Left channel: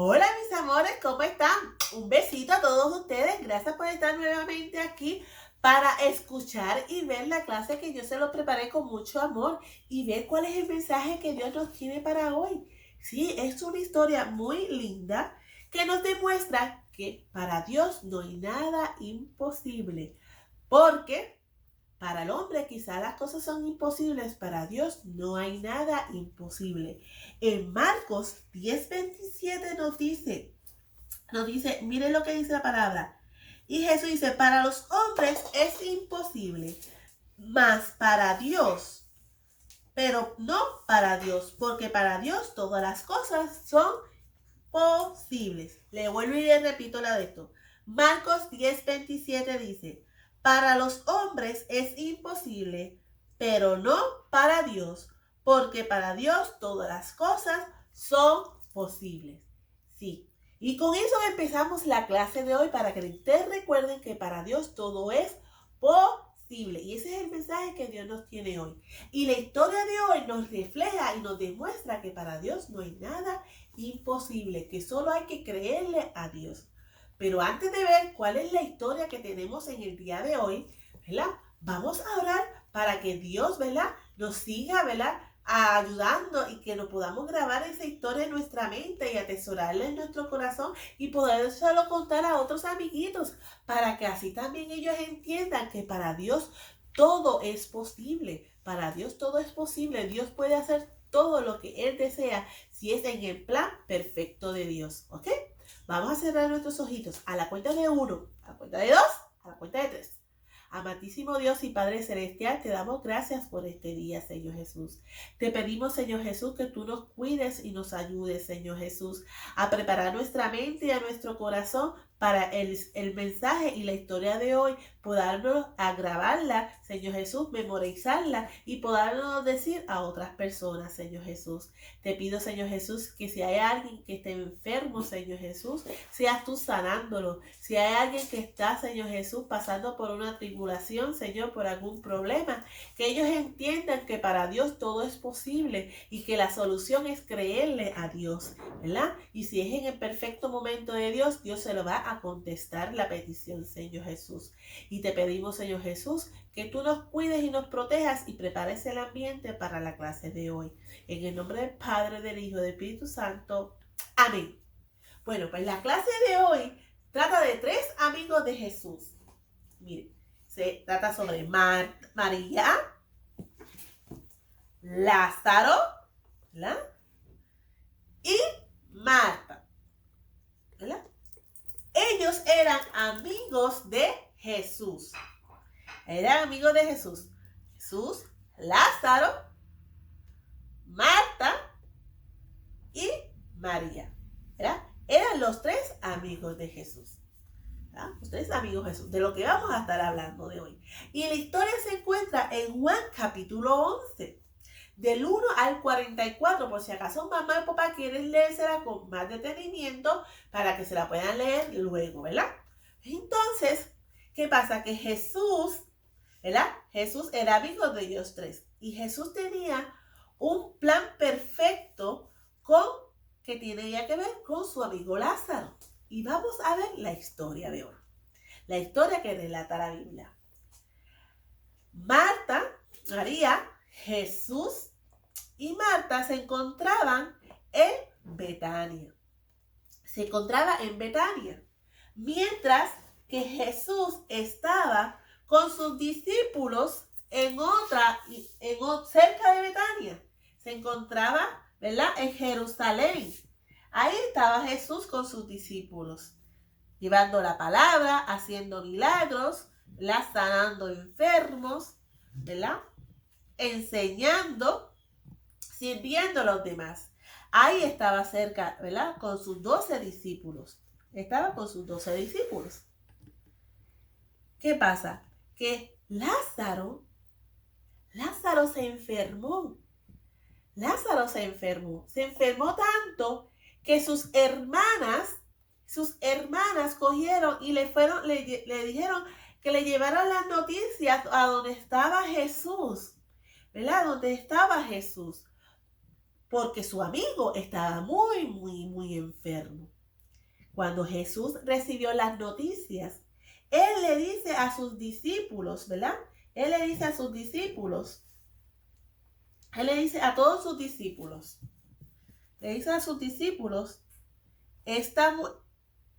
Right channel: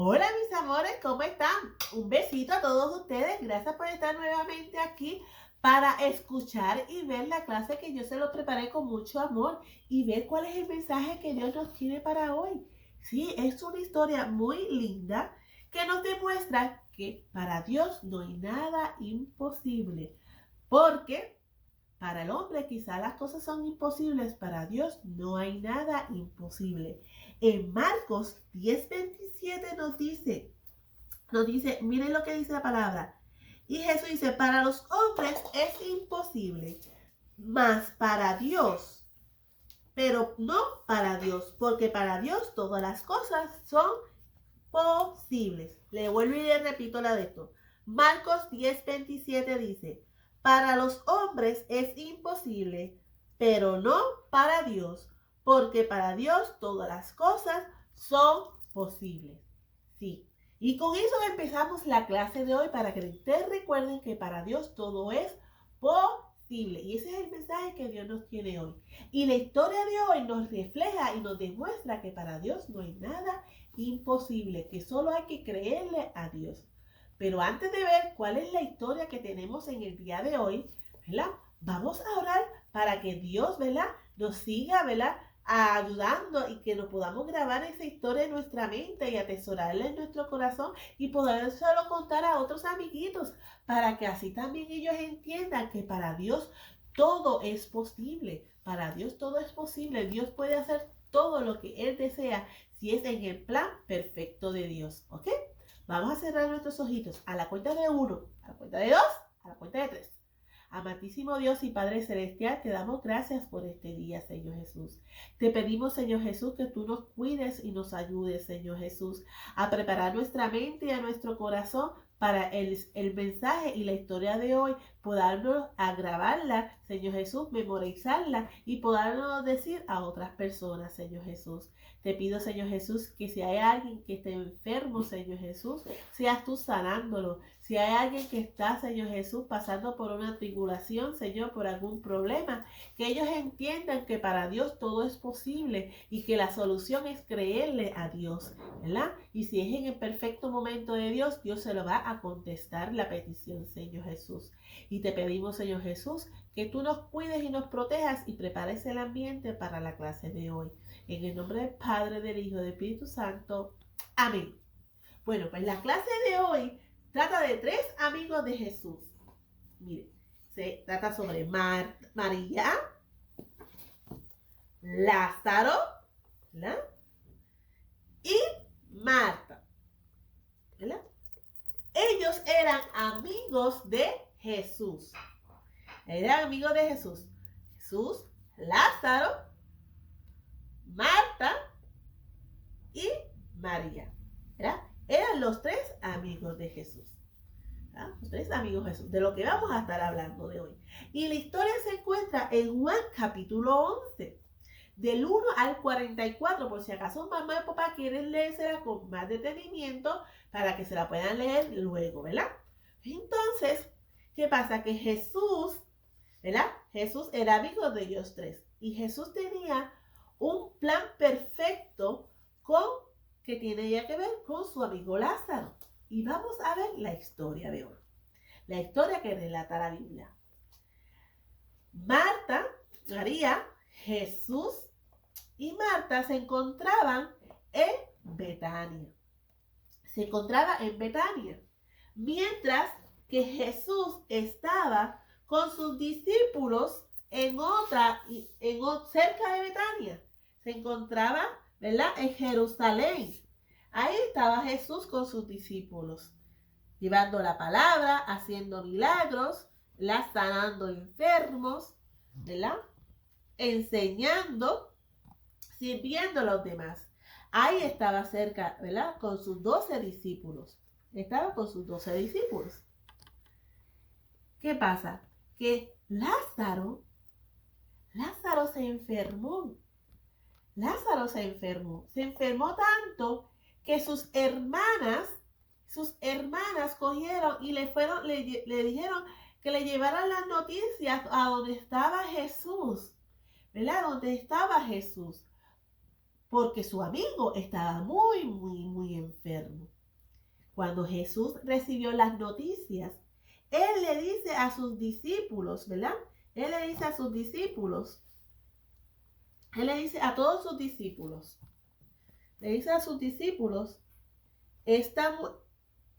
Hola mis amores, ¿cómo están? Un besito a todos ustedes. Gracias por estar nuevamente aquí para escuchar y ver la clase que yo se los preparé con mucho amor y ver cuál es el mensaje que Dios nos tiene para hoy. Sí, es una historia muy linda que nos demuestra que para Dios no hay nada imposible. Porque para el hombre quizás las cosas son imposibles, para Dios no hay nada imposible. En Marcos 10:27 nos dice, miren lo que dice la palabra. Y Jesús dice, para los hombres es imposible, mas para Dios, pero no para Dios, porque para Dios todas las cosas son posibles. Le vuelvo y le repito la de esto. Marcos 10:27 dice, para los hombres es imposible, pero no para Dios, porque para Dios todas las cosas son posibles. Sí. Y con eso empezamos la clase de hoy para que ustedes recuerden que para Dios todo es posible. Y ese es el mensaje que Dios nos tiene hoy. Y la historia de hoy nos refleja y nos demuestra que para Dios no hay nada imposible, que solo hay que creerle a Dios. Pero antes de ver cuál es la historia que tenemos en el día de hoy, ¿verdad? Vamos a orar para que Dios, ¿verdad? Nos siga, ¿verdad? Ayudando y que nos podamos grabar esa historia en nuestra mente y atesorarla en nuestro corazón y poder solo contar a otros amiguitos para que así también ellos entiendan que para Dios todo es posible. Para Dios todo es posible. Dios puede hacer todo lo que Él desea si es en el plan perfecto de Dios. ¿Ok? Vamos a cerrar nuestros ojitos a la cuenta de 1, a la cuenta de 2, a la cuenta de 3. Amantísimo Dios y Padre Celestial, te damos gracias por este día, Señor Jesús. Te pedimos, Señor Jesús, que tú nos cuides y nos ayudes, Señor Jesús, a preparar nuestra mente y a nuestro corazón para el mensaje y la historia de hoy, podernos a grabarla, Señor Jesús, memorizarla y podernos decir a otras personas, Señor Jesús. Te pido, Señor Jesús, que si hay alguien que esté enfermo, Señor Jesús, seas tú sanándolo. Si hay alguien que está, Señor Jesús, pasando por una tribulación, Señor, por algún problema, que ellos entiendan que para Dios todo es posible y que la solución es creerle a Dios, ¿verdad? Y si es en el perfecto momento de Dios, Dios se lo va a contestar la petición, Señor Jesús. Y te pedimos, Señor Jesús, que tú nos cuides y nos protejas y prepares el ambiente para la clase de hoy. En el nombre del Padre, del Hijo y del Espíritu Santo. Amén. Bueno, pues la clase de hoy trata de 3 amigos de Jesús. Miren, se trata sobre María, Lázaro, ¿verdad? Y Marta, ¿verdad? Ellos eran amigos de Jesús. Eran amigos de Jesús. Jesús, Lázaro, Marta y María. ¿Verdad? Eran los 3 amigos de Jesús. ¿Verdad? Los 3 amigos de Jesús, de lo que vamos a estar hablando de hoy. Y la historia se encuentra en Juan capítulo 11, del 1 al 44, por si acaso mamá y papá quieren leérsela con más detenimiento para que se la puedan leer luego, ¿verdad? Entonces, ¿qué pasa? Que Jesús, ¿verdad? Jesús era amigo de ellos 3 y Jesús tenía un plan perfecto que tiene ya que ver con su amigo Lázaro. Y vamos a ver la historia de hoy. La historia que relata la Biblia. Marta, María, Jesús y Marta se encontraban en Betania. Se encontraba en Betania. Mientras que Jesús estaba con sus discípulos cerca de Betania. Se encontraba, ¿verdad? En Jerusalén. Ahí estaba Jesús con sus discípulos, llevando la palabra, haciendo milagros, ¿verdad? Sanando enfermos, ¿verdad? Enseñando, sirviendo a los demás. Ahí estaba cerca, ¿verdad? Con sus 12 discípulos. Estaba con sus 12 discípulos. ¿Qué pasa? Que Lázaro se enfermó. Lázaro se enfermó. Se enfermó tanto que sus hermanas cogieron y le dijeron que le llevaran las noticias a donde estaba Jesús, ¿verdad? Donde estaba Jesús. porque su amigo estaba muy, muy, muy enfermo. Cuando Jesús recibió las noticias, Él le dice a sus discípulos, ¿verdad? Él le dice a sus discípulos, Él le dice a todos sus discípulos, le dice a sus discípulos, esta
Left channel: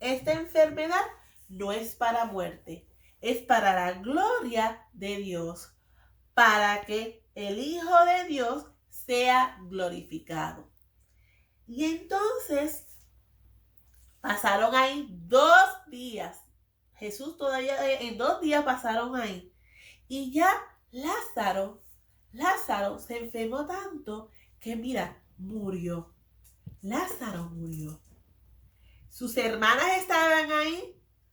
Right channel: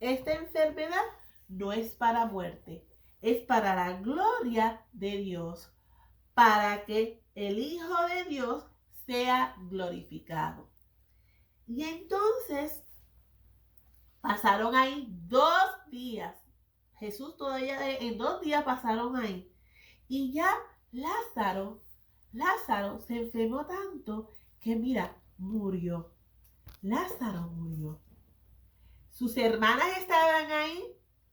enfermedad no es para muerte, es para la gloria de Dios, para que el Hijo de Dios sea glorificado. Y entonces pasaron ahí 2 días. Jesús todavía en 2 días pasaron ahí. Y ya Lázaro se enfermó tanto que mira, murió. Lázaro murió. Sus hermanas estaban ahí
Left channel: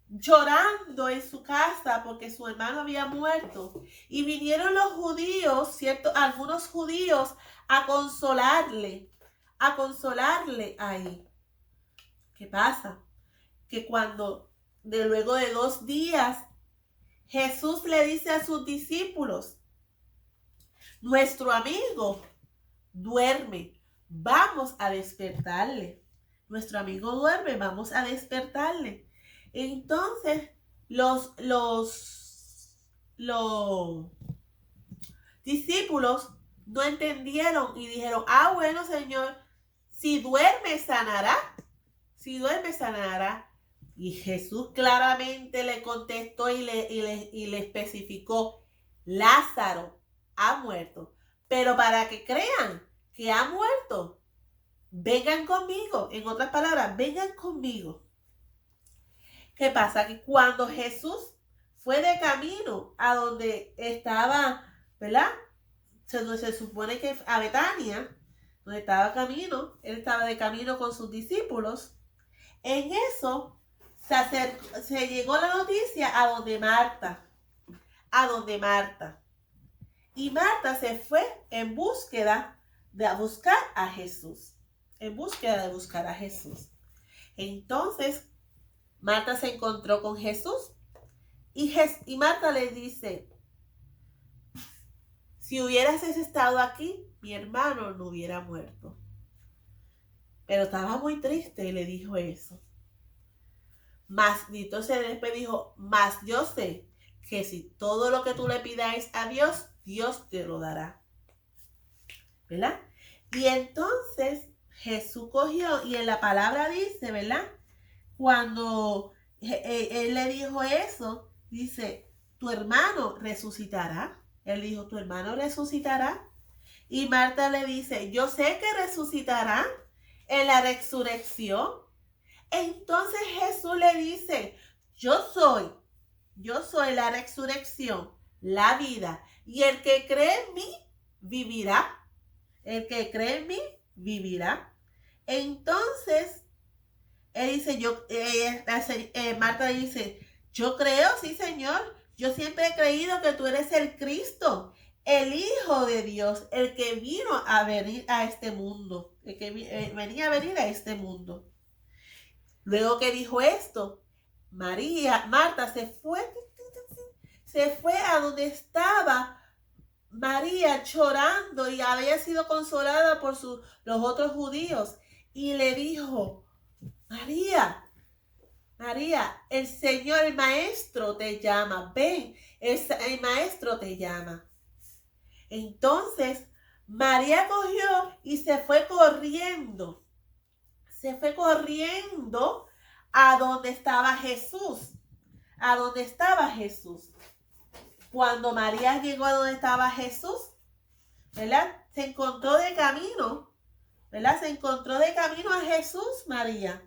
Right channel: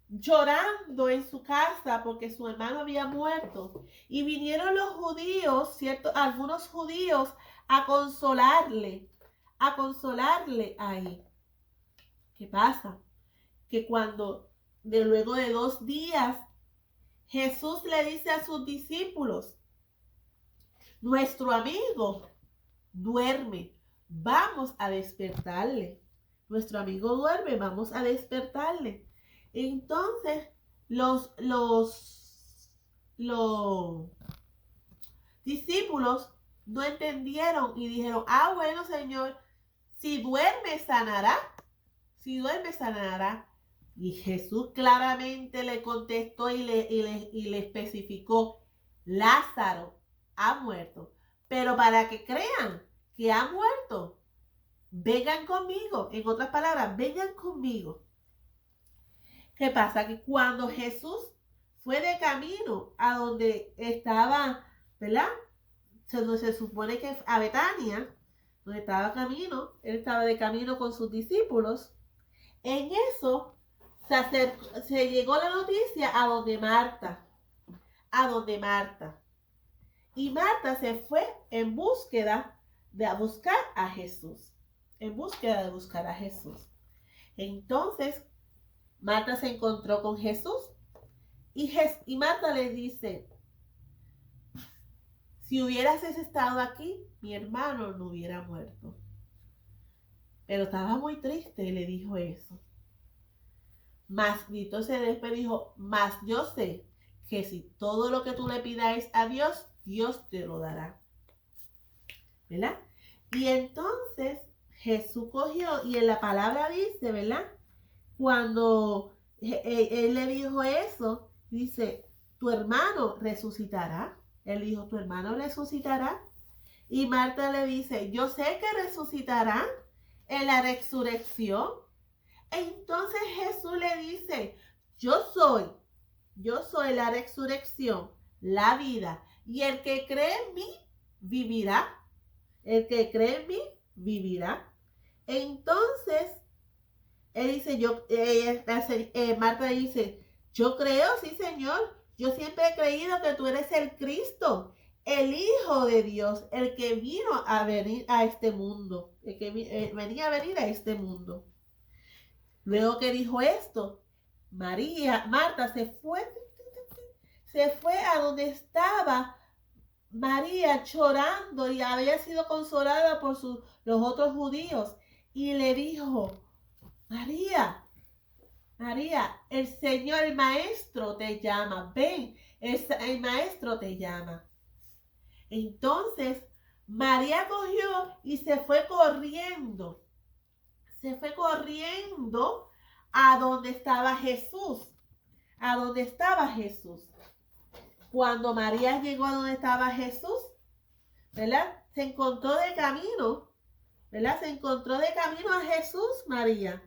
llorando en su casa porque su hermano había muerto. Y vinieron los judíos, ¿cierto? Algunos judíos a consolarle ahí. ¿Qué pasa? Que cuando luego de 2 días Jesús le dice a sus discípulos, nuestro amigo duerme, vamos a despertarle. Nuestro amigo duerme, vamos a despertarle. Entonces, los discípulos no entendieron y dijeron, bueno, Señor, si duerme sanará. Si duerme sanará. Y Jesús claramente le contestó y le especificó, Lázaro ha muerto. Pero para que crean que ha muerto, vengan conmigo. En otras palabras, vengan conmigo. ¿Qué pasa? Que cuando Jesús fue de camino a donde estaba, ¿verdad? Donde se supone que a Betania, donde estaba camino, él estaba de camino con sus discípulos. En eso se llegó la noticia a donde Marta. Y Marta se fue en búsqueda de buscar a Jesús. Entonces, Marta se encontró con Jesús y Marta le dice, si hubieras estado aquí, mi hermano no hubiera muerto. Pero estaba muy triste y le dijo eso. Y entonces después dijo, mas yo sé que si todo lo que tú le pidáis a Dios, Dios te lo dará. ¿Verdad? Y entonces Jesús cogió y en la palabra dice, ¿verdad? Cuando él le dijo eso, dice, tu hermano resucitará. Él dijo, tu hermano resucitará. Y Marta le dice, yo sé que resucitará en la resurrección. Entonces Jesús le dice, yo soy la resurrección, la vida. Y el que cree en mí, vivirá. El que cree en mí, vivirá. Entonces, él dice, Marta le dice, yo creo, sí, Señor. Yo siempre he creído que tú eres el Cristo, el Hijo de Dios, el que vino a venir a este mundo, el que venía a venir a este mundo. Luego que dijo esto, Marta se fue a donde estaba María llorando y había sido consolada por los otros judíos. Y le dijo, María, el Señor, el Maestro te llama, ven, el Maestro te llama. Entonces, María cogió y se fue corriendo a donde estaba Jesús. Cuando María llegó a donde estaba Jesús, ¿verdad? Se encontró de camino a Jesús, María,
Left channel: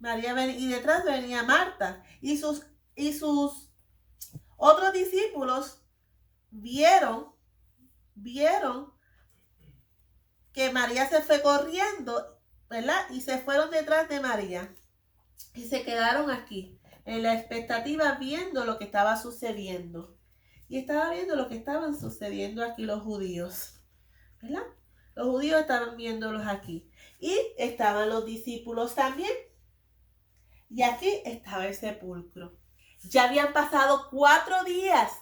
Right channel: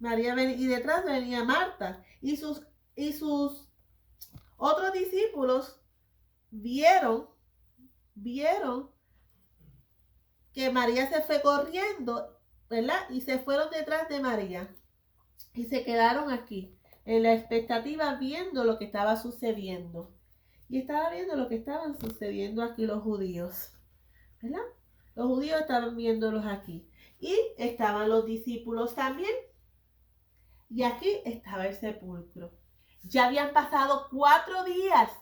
y detrás venía Marta. Y sus otros discípulos vieron que María se fue corriendo, ¿verdad? Y se fueron detrás de María. Y se quedaron aquí, en la expectativa, viendo lo que estaba sucediendo. Y estaba viendo lo que estaban sucediendo aquí los judíos, ¿verdad? Los judíos estaban viéndolos aquí. Y estaban los discípulos también. Y aquí estaba el sepulcro. Ya habían pasado 4 días.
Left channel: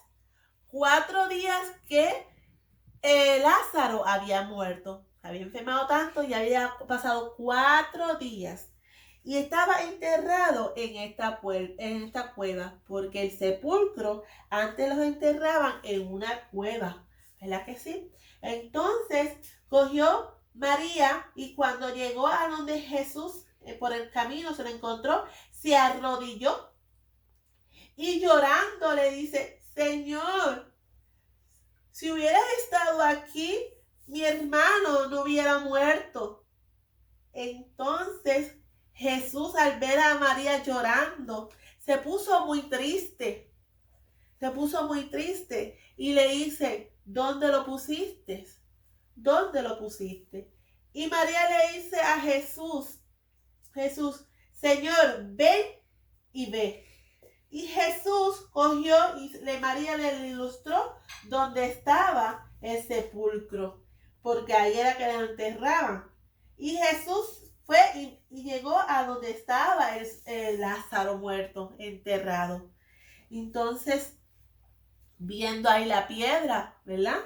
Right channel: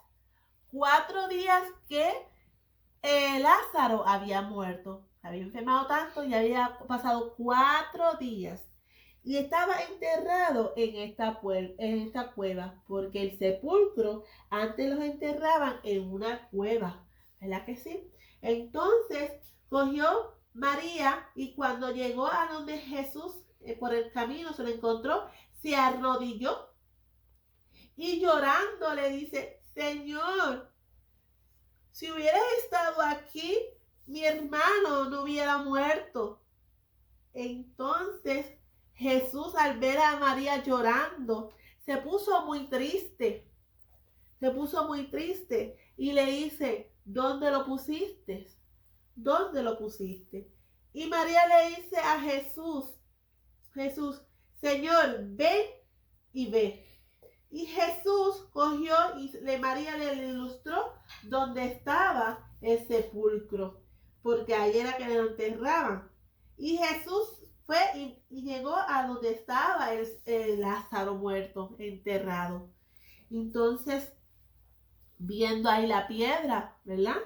4 días que Lázaro había muerto. había enfermado tanto y había pasado 4 días. Y estaba enterrado en esta cueva, porque el sepulcro antes los enterraban en una cueva, ¿verdad que sí? Entonces cogió María y cuando llegó a donde Jesús, por el camino se lo encontró, se arrodilló y llorando le dice, Señor, si hubieras estado aquí, mi hermano no hubiera muerto. Entonces Jesús, al ver a María llorando, se puso muy triste y le dice, ¿dónde lo pusiste? ¿Dónde lo pusiste? Y María le dice a Jesús, Señor, ven y ve. Y Jesús cogió y María le ilustró donde estaba el sepulcro, porque ahí era que le enterraban. Y Jesús fue y llegó a donde estaba el Lázaro muerto, enterrado. Entonces, viendo ahí la piedra, ¿verdad?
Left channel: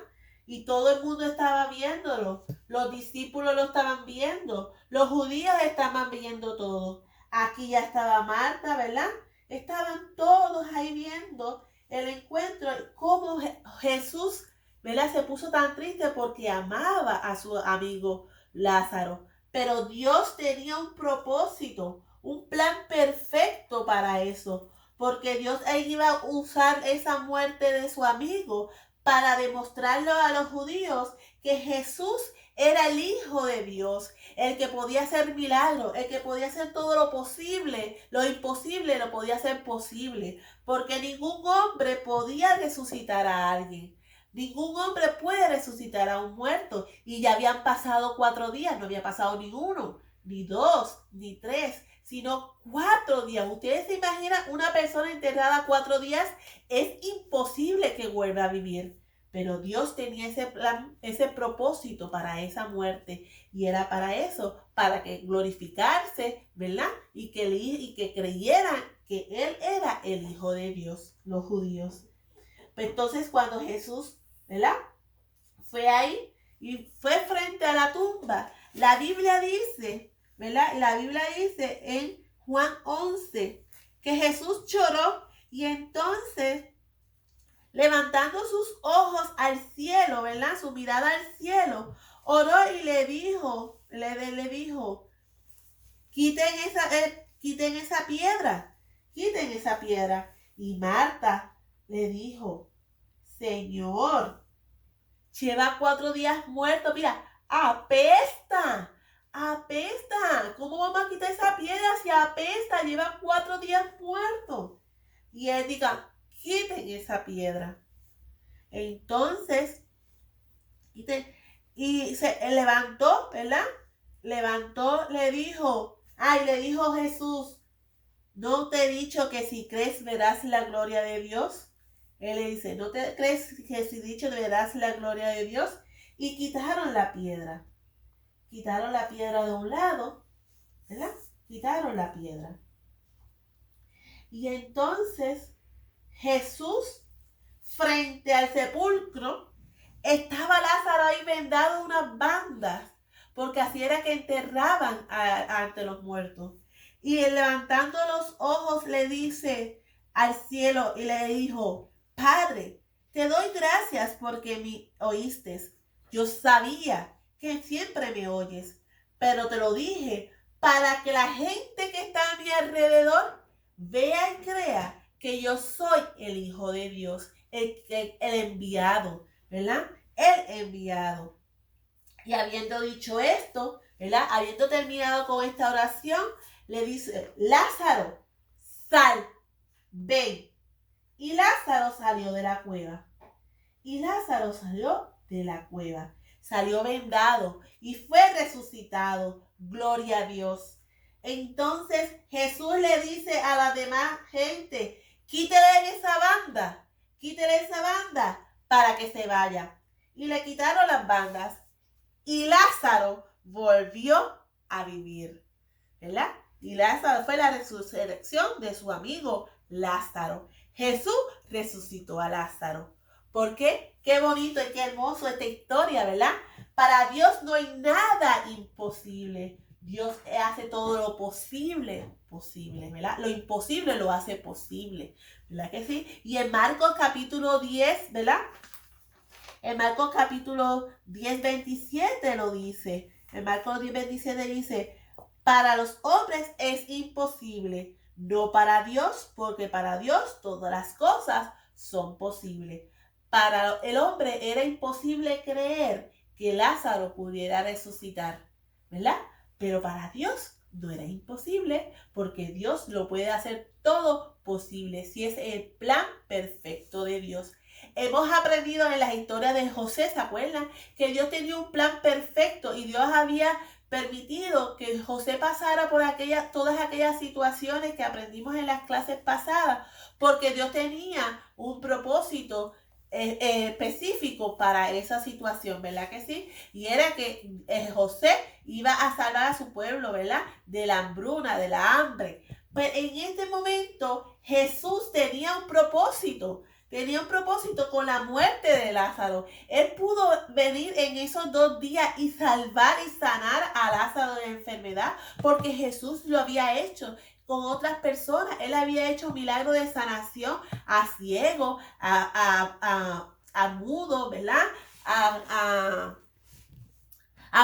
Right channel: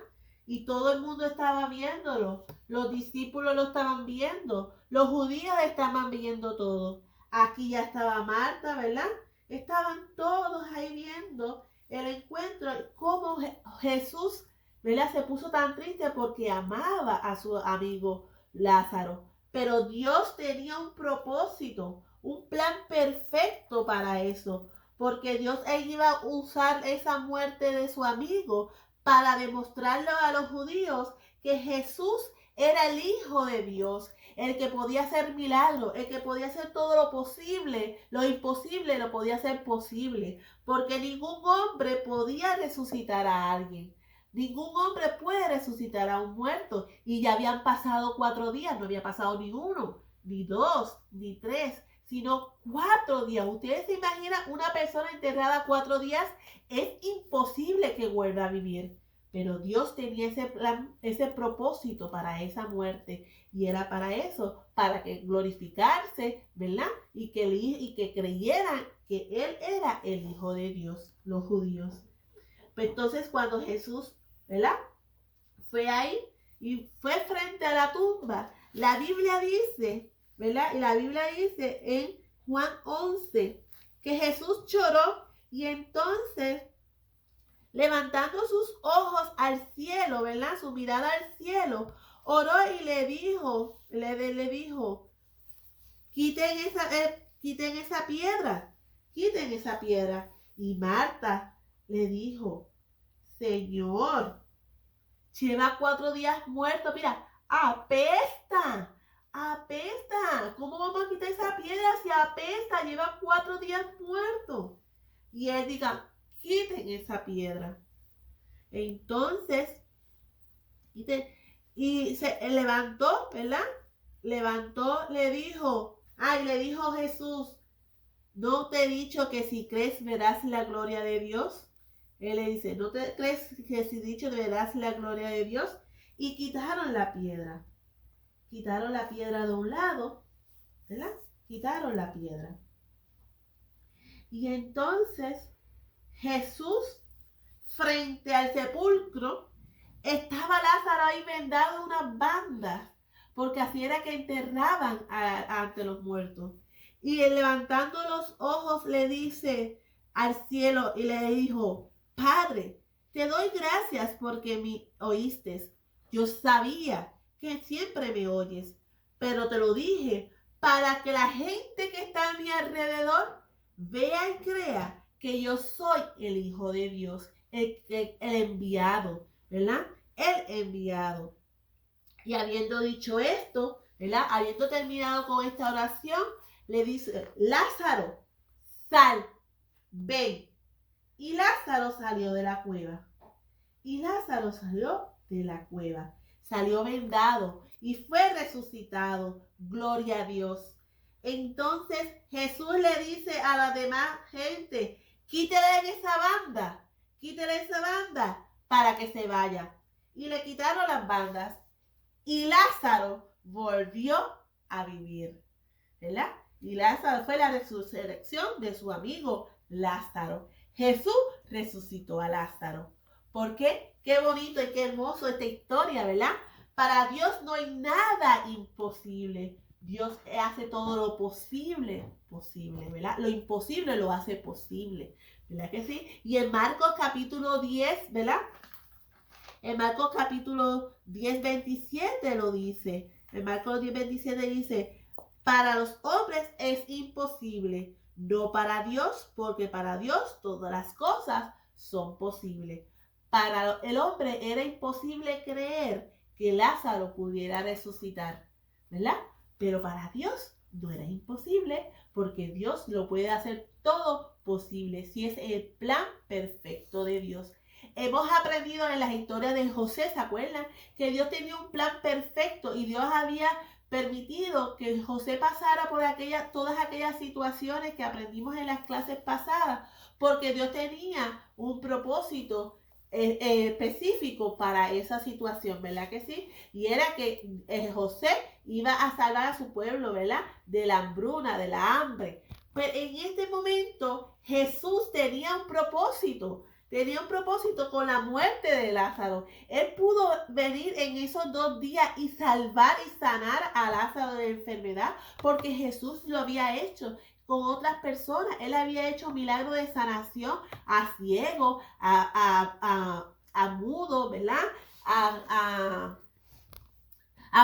Y todo el mundo estaba viéndolo. Los discípulos lo estaban viendo. Los judíos estaban viendo todo. Aquí ya estaba Marta, ¿verdad? Estaban todos ahí viendo el encuentro. Cómo Jesús, ¿verdad? Se puso tan triste porque amaba a su amigo Lázaro. Pero Dios tenía un propósito, un plan perfecto para eso. Porque Dios iba a usar esa muerte de su amigo para demostrarle a los judíos que Jesús era el Hijo de Dios, el que podía hacer milagros, el que podía hacer todo lo posible, lo imposible lo podía hacer posible, porque ningún hombre podía resucitar a alguien. Ningún hombre puede resucitar a un muerto. Y ya habían pasado 4 días, no había pasado ni 1, ni 2, ni 3, sino 4 días. Ustedes se imaginan una persona enterrada 4 días, es imposible que vuelva a vivir. Pero Dios tenía ese plan, ese propósito para esa muerte. Y era para eso, para que glorificarse, ¿verdad? Y que creyeran que Él era el Hijo de Dios, los judíos. Pues entonces cuando Jesús, ¿verdad? Fue ahí y fue frente a la tumba. La Biblia dice, ¿verdad? La Biblia dice en Juan 11 que Jesús lloró y entonces levantando sus ojos al cielo, ¿verdad? Su mirada al cielo, oró y le dijo, quiten esa piedra. Y Marta le dijo, Señor, lleva 4 días muerto, mira, apesta. ¿Cómo vamos a quitar esa piedra si apesta? Lleva 4 días muerto. Y él diga, quiten esa piedra. Entonces, y se levantó, ¿verdad? Le dijo Jesús, ¿no te he dicho que si crees verás la gloria de Dios? Él le dice, ¿no te crees que si dicho verás la gloria de Dios? Y quitaron la piedra. Quitaron la piedra de un lado, ¿verdad? Quitaron la piedra. Y entonces Jesús, frente al sepulcro, estaba Lázaro ahí vendado en unas bandas, porque así era que enterraban ante los muertos. Y él, levantando los ojos, le dice al cielo y le dijo, Padre, te doy gracias porque me oíste. Yo sabía que siempre me oyes, pero te lo dije para que la gente que está a mi alrededor vea y crea que yo soy el Hijo de Dios, el enviado, ¿verdad? El enviado. Y habiendo dicho esto, ¿verdad? Habiendo terminado con esta oración, le dice, Lázaro, sal, ven. Y Lázaro salió de la cueva. Salió vendado y fue resucitado. Gloria a Dios. Entonces Jesús le dice a la demás gente, quítele esa banda para que se vaya. Y le quitaron las bandas. Y Lázaro volvió a vivir, ¿verdad? Y Lázaro fue la resurrección de su amigo Lázaro. Jesús resucitó a Lázaro. ¿Por qué? Qué bonito y qué hermoso esta historia, ¿verdad? Para Dios no hay nada imposible. Dios hace todo lo posible, ¿verdad? Lo imposible lo hace posible, ¿verdad que sí? Y en Marcos capítulo 10, ¿verdad? En Marcos capítulo 10, 27 lo dice. En Marcos 10, 27 dice, para los hombres es imposible, no para Dios, porque para Dios todas las cosas son posibles. Para el hombre era imposible creer que Lázaro pudiera resucitar, ¿verdad? Pero para Dios no era imposible, porque Dios lo puede hacer todo posible, si es el plan perfecto de Dios. Hemos aprendido en las historias de José, ¿se acuerdan? Que Dios tenía un plan perfecto y Dios había permitido que José pasara por todas aquellas situaciones que aprendimos en las clases pasadas, porque Dios tenía un propósito específico para esa situación, ¿verdad que sí? Y era que José iba a salvar a su pueblo, ¿verdad? De la hambruna, de la hambre. Pues en este momento Jesús tenía un propósito. Tenía un propósito con la muerte de Lázaro. Él pudo venir en esos 2 días y salvar y sanar a Lázaro de la enfermedad, porque Jesús lo había hecho con otras personas. Él había hecho milagros de sanación a ciegos, a mudos, ¿verdad? A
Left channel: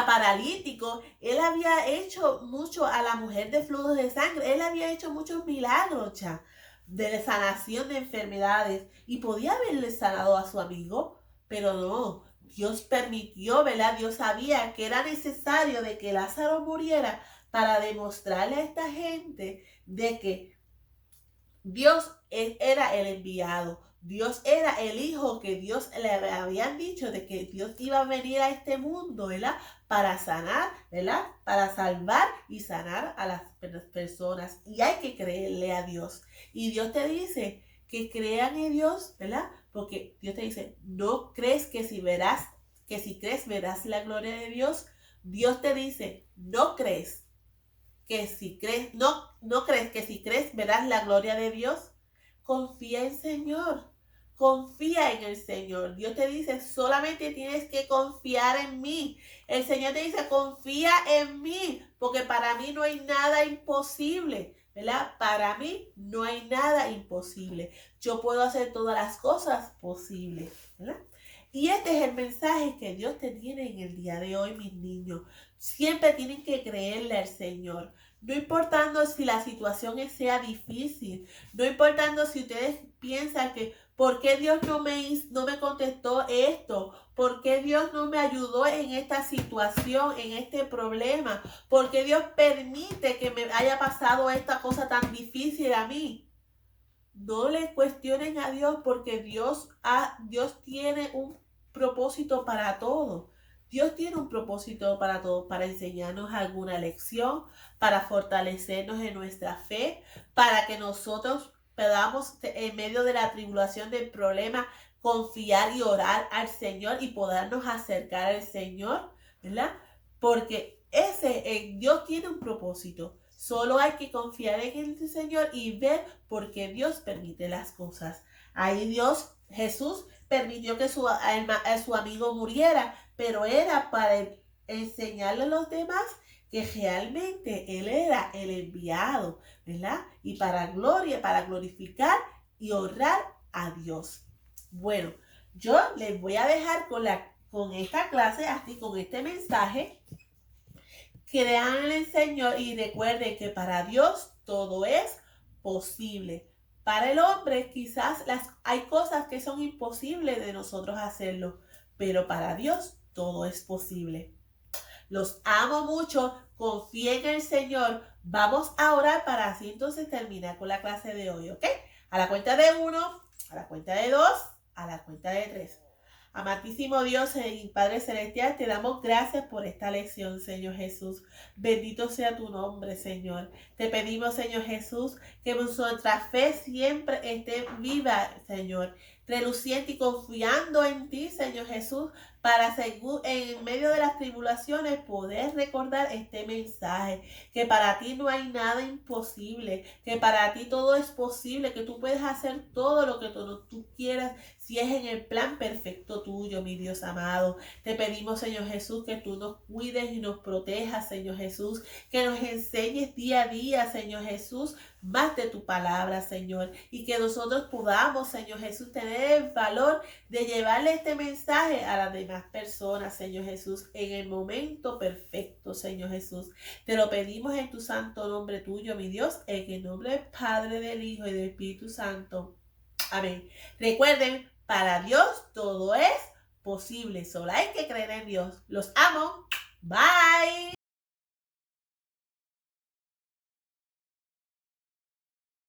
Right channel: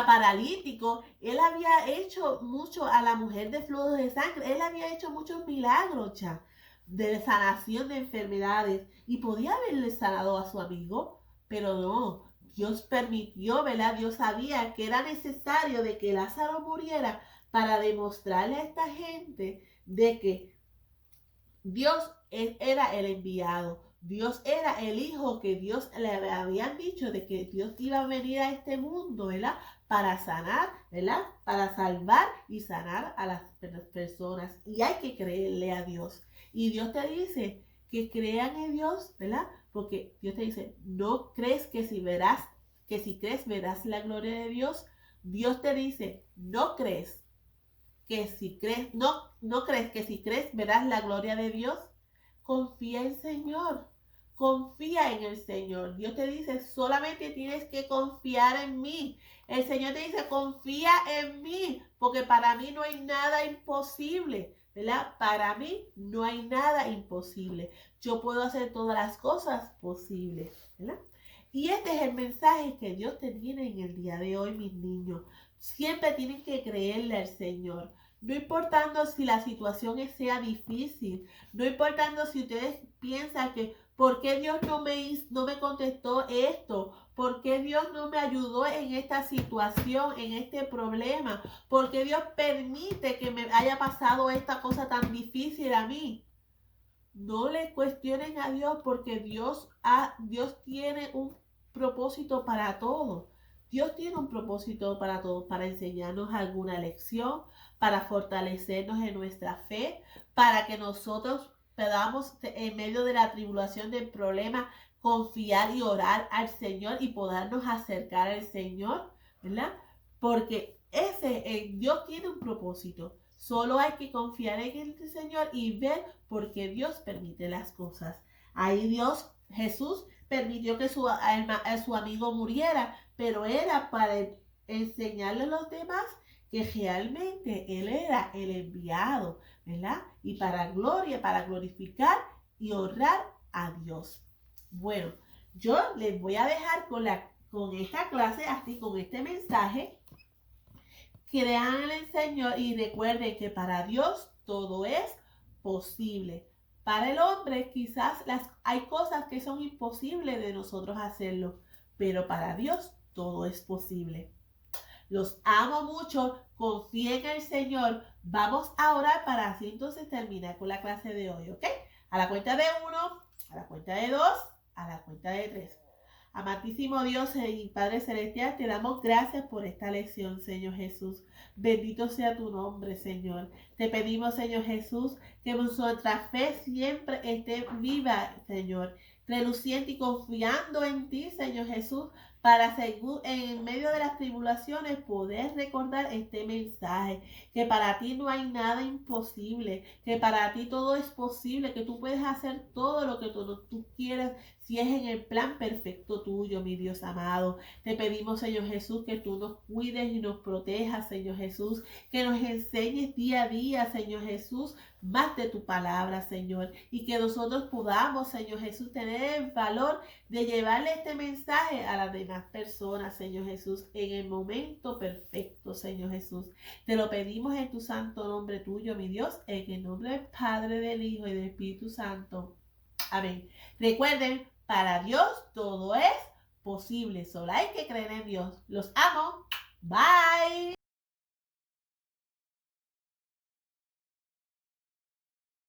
paralíticos. Él había hecho mucho a la mujer de flujos de sangre. Él había hecho muchos milagros ya de sanación de enfermedades y podía haberle sanado a su amigo, pero no. Dios permitió, ¿verdad? Dios sabía que era necesario de que Lázaro muriera para demostrarle a esta gente de que Dios era el enviado. Dios era el hijo que Dios le habían dicho de que Dios iba a venir a este mundo, ¿verdad? Para sanar, ¿verdad? Para salvar y sanar a las personas. Y hay que creerle a Dios. Y Dios te dice que crean en Dios, ¿verdad? Porque Dios te dice, no crees que si crees verás la gloria de Dios. Dios te dice, no crees que si crees, no crees que si crees verás la gloria de Dios. Confía en el Señor. Confía en el Señor. Dios te dice, solamente tienes que confiar en mí. El Señor te dice, confía en mí, porque para mí no hay nada imposible, ¿verdad? Para mí no hay nada imposible. Yo puedo hacer todas las cosas posibles, ¿verdad? Y este es el mensaje que Dios te tiene en el día de hoy, mis niños. Siempre tienen que creerle al Señor. No importando si la situación sea difícil, no importando si ustedes piensan que ¿por qué Dios no me contestó esto? ¿Por qué Dios no me ayudó en esta situación, en este problema? ¿Por qué Dios permite que me haya pasado esta cosa tan difícil a mí? No le cuestionen a Dios, porque Dios tiene un propósito para todo. Dios tiene un propósito para todo, para enseñarnos alguna lección, para fortalecernos en nuestra fe, para que nosotros podamos, en medio de la tribulación, del problema, confiar y orar al Señor y podernos acercar al Señor, ¿verdad? Porque Dios tiene un propósito. Solo hay que confiar en el Señor y ver por qué Dios permite las cosas. Ahí Jesús permitió que su amigo muriera, pero era para enseñarle a los demás que realmente Él era el enviado, ¿verdad? Y para glorificar y honrar a Dios. Bueno, yo les voy a dejar con esta clase, así con este mensaje. Crean en el Señor y recuerden que para Dios todo es posible. Para el hombre quizás hay cosas que son imposibles de nosotros hacerlo, pero para Dios todo es posible. Los amo mucho, confíen en el Señor. Vamos a orar para así entonces terminar con la clase de hoy, ¿ok? A la cuenta de 1, a la cuenta de 2, a la cuenta de 3. Amantísimo Dios y Padre Celestial, te damos gracias por esta lección, Señor Jesús. Bendito sea tu nombre, Señor. Te pedimos, Señor Jesús, que nuestra fe siempre esté viva, Señor, reluciente y confiando en ti, Señor Jesús, para en medio de las tribulaciones poder recordar este mensaje, que para ti no hay nada imposible, que para ti todo es posible, que tú puedes hacer todo lo que tú quieras si es en el plan perfecto tuyo, mi Dios amado. Te pedimos, Señor Jesús, que tú nos cuides y nos protejas, Señor Jesús, que nos enseñes día a día, Señor Jesús, más de tu palabra, Señor, y que nosotros podamos, Señor Jesús, tener el valor de llevarle este mensaje a las demás personas, Señor Jesús, en el momento perfecto, Señor Jesús. Te lo pedimos en tu santo nombre tuyo, mi Dios, en el nombre del Padre, del Hijo y del Espíritu Santo. Amén. Recuerden, para Dios todo es posible. Solo hay que creer en Dios. Los amo. Bye.